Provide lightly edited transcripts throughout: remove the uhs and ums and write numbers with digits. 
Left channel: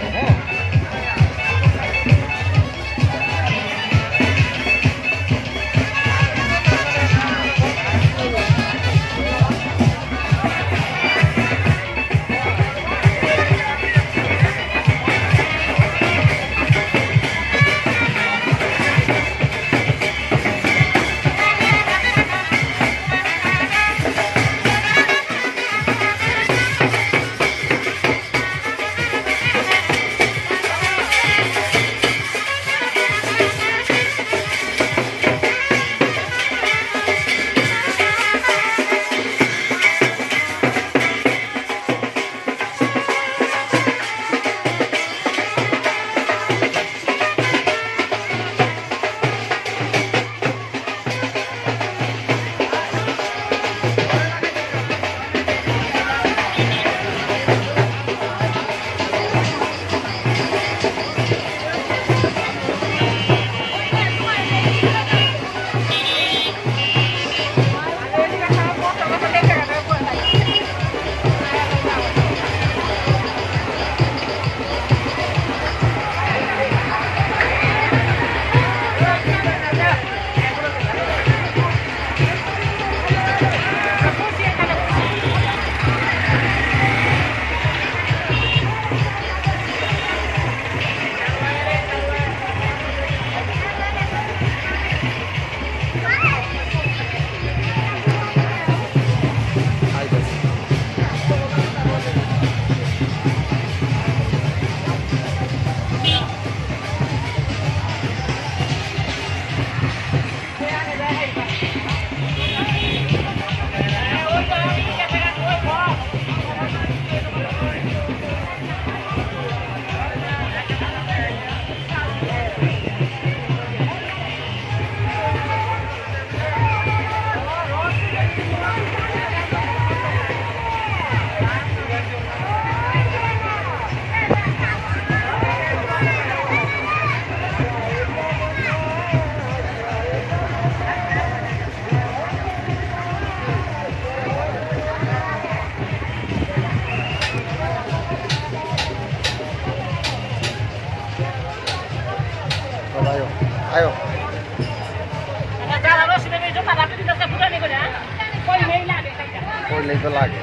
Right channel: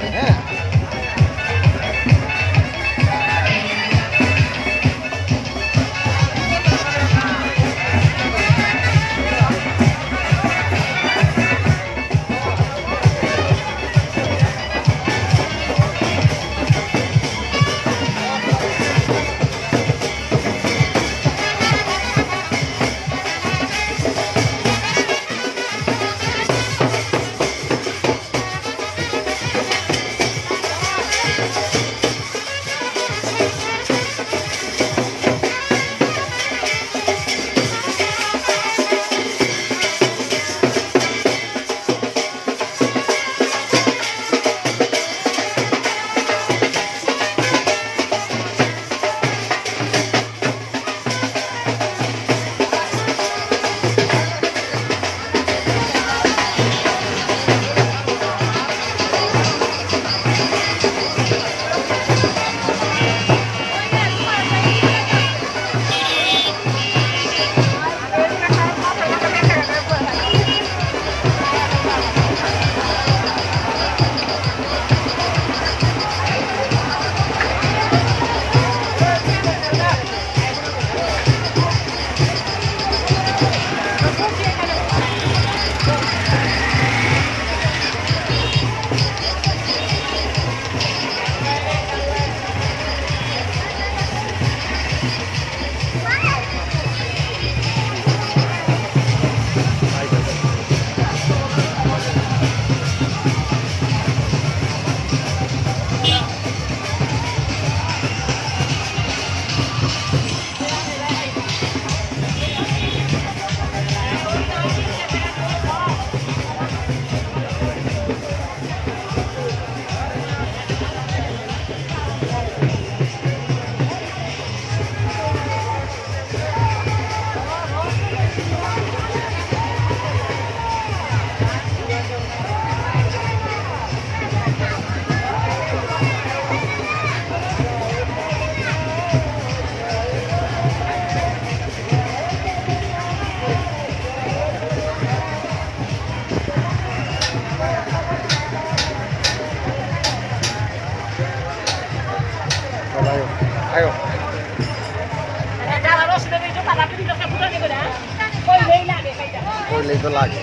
যাবে হ্যাঁ। Ayo, ayo. Koi itu lagi.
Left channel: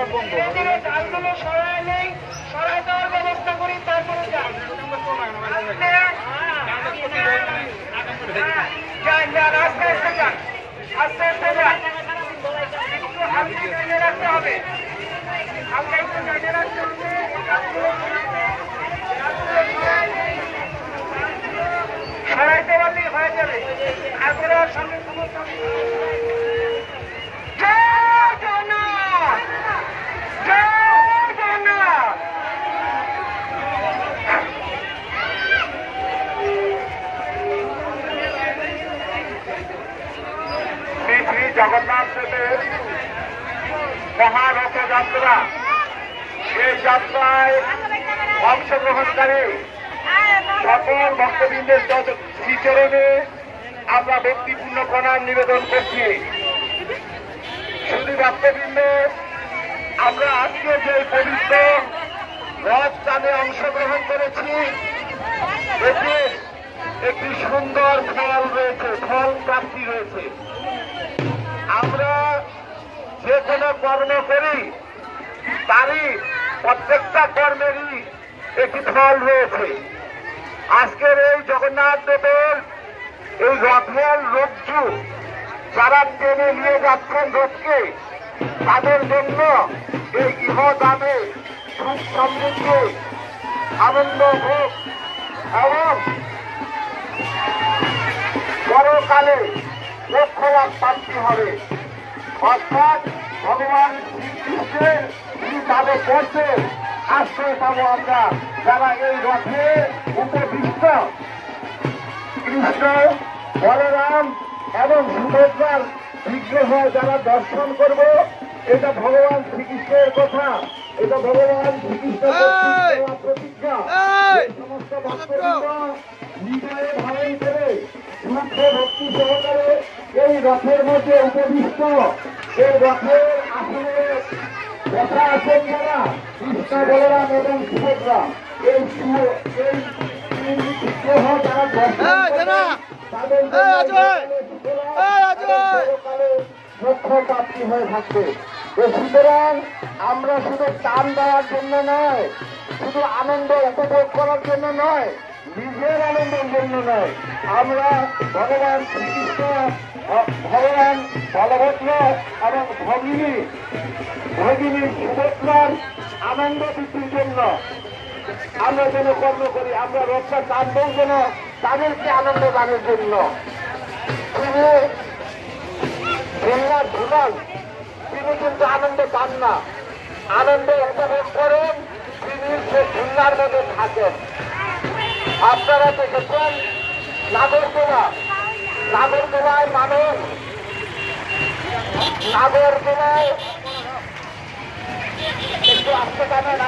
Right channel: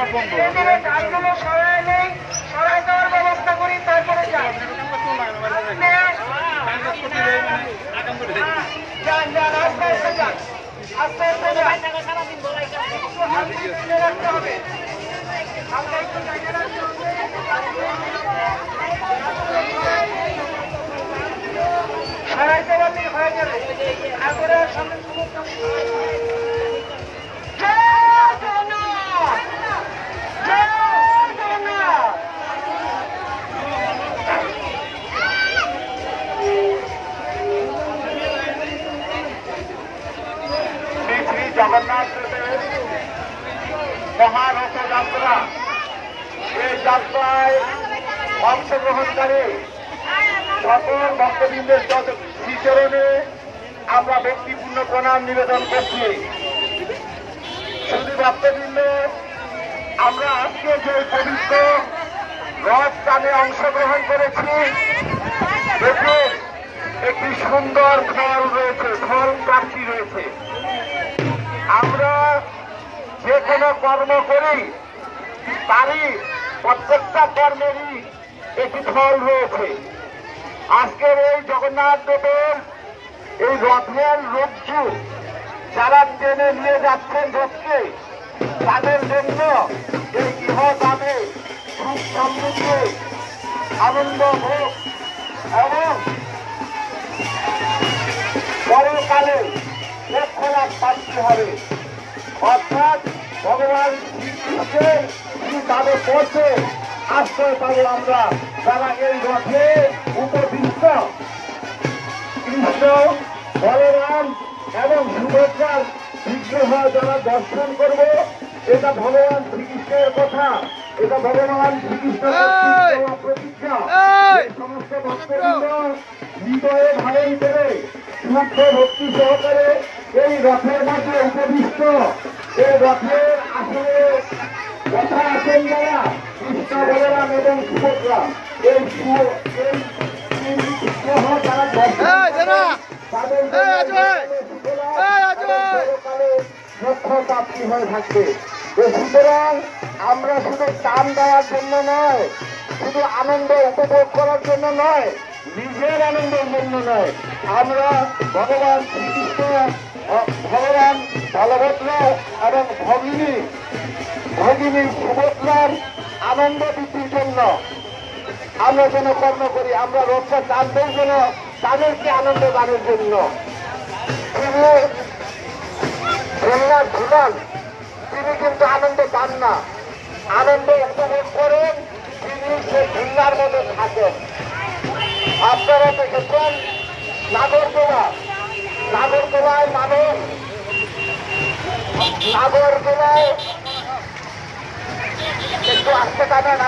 ডালগুলো সরাই নেই, সরাই দেওয়ার ব্যবস্থা করি, তারপরে যান আস্তে আস্তে যান, আস্তে আস্তে যান, রাখতে হবে। সরাই দেওয়ার দিকে হয়ে যাবে, তারপরে সামনে জগন্নাথ দেবের মহারথযাত্রা, এই যাত্রায় অংশগ্রহণকারী সকল ভক্তবৃন্দের শ্রীচরণে আমরা ভক্তিপূর্ণ প্রণাম নিবেদন করছি। শুধু ভক্তবৃন্দ, আমরা আজকে যে পবিত্র রথ টানে অংশগ্রহণ করেছি, এতে একটি সুন্দর ফল রয়েছে, ফল প্রাপ্তি রয়েছে। আমরা যে কোনো কর্ম করি তারই প্রত্যেকটা কর্মেরই একটি ফল রয়েছে। আজকের এই জগন্নাথ দেবের এই রথের রজ্জু যারা টেনে নিয়ে যাচ্ছেন রথকে, তাদের জন্য এই ইহদামে সুখ সমৃদ্ধি আনন্দ হোক এবং পরকালে লক্ষ্য লাভ প্রাপ্তি হবে। অর্থাৎ ভগবান শ্রীকৃষ্ণের তাদের পথে আশ্রয় পাবো আমরা, যারা এই রথে উপবিষ্ট। কৃষ্ণ, বলরাম এবং সুভদ্রার বিগ্রহ যারা দর্শন করব, এটা ভগবান শ্রীকৃষ্ণের কথা, এটা ভগবান শ্রীকৃষ্ণের প্রতিজ্ঞা। সমস্ত ভক্তবৃন্দ হৃদয়ে ধারণ করে শুদ্ধ ভক্তি সহকারে এই রথের মধ্যে উপবিষ্ট, এই রথের আসলে কথা আছেন যারা কৃষ্ণ, বলরাম এবং সুভদ্রা, এই বিগ্রহ যারা লক্ষ্য প্রাপ্তি হয়ে থাকবে। সুতরাং আমরা শুধু দান দেওয়ার জন্য নয়, শুধু আনন্দ উপভোগ করার জন্য নয়, নিজের আনন্দের জন্য নয়, আমরা ভগবান শ্রীকৃষ্ণ, ভগবান বলভদ্র এবং ভগিনী সুভদ্রার আনন্দ বৃদ্ধির জন্য আমরা যেন কর্ম করি। আমরা রথটা টানতেই যেন তাদেরকে আনন্দ দানের জন্য। জগন্নাথ ভুলান তিনি কিন্তু আনন্দ পান না, আনন্দ উপভোগ করেন তিনি সে ঝুল্লার মধ্যে থাকেন। আপনারা দেখেছেন নাগরদোলায় মানুষ, নাগরদোলায় একটু আসতে টানেন,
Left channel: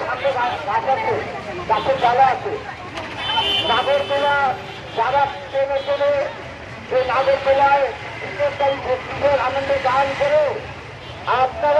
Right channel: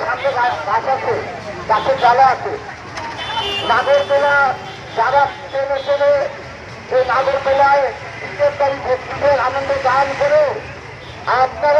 সামনে গাছ আছে, গাছের ডালা আছে। নাগরদোলা যারা টেনে টেনে সেই নাগরদোলায় 20 তারিখ ভক্তিদের আনন্দ দান করে আপনারা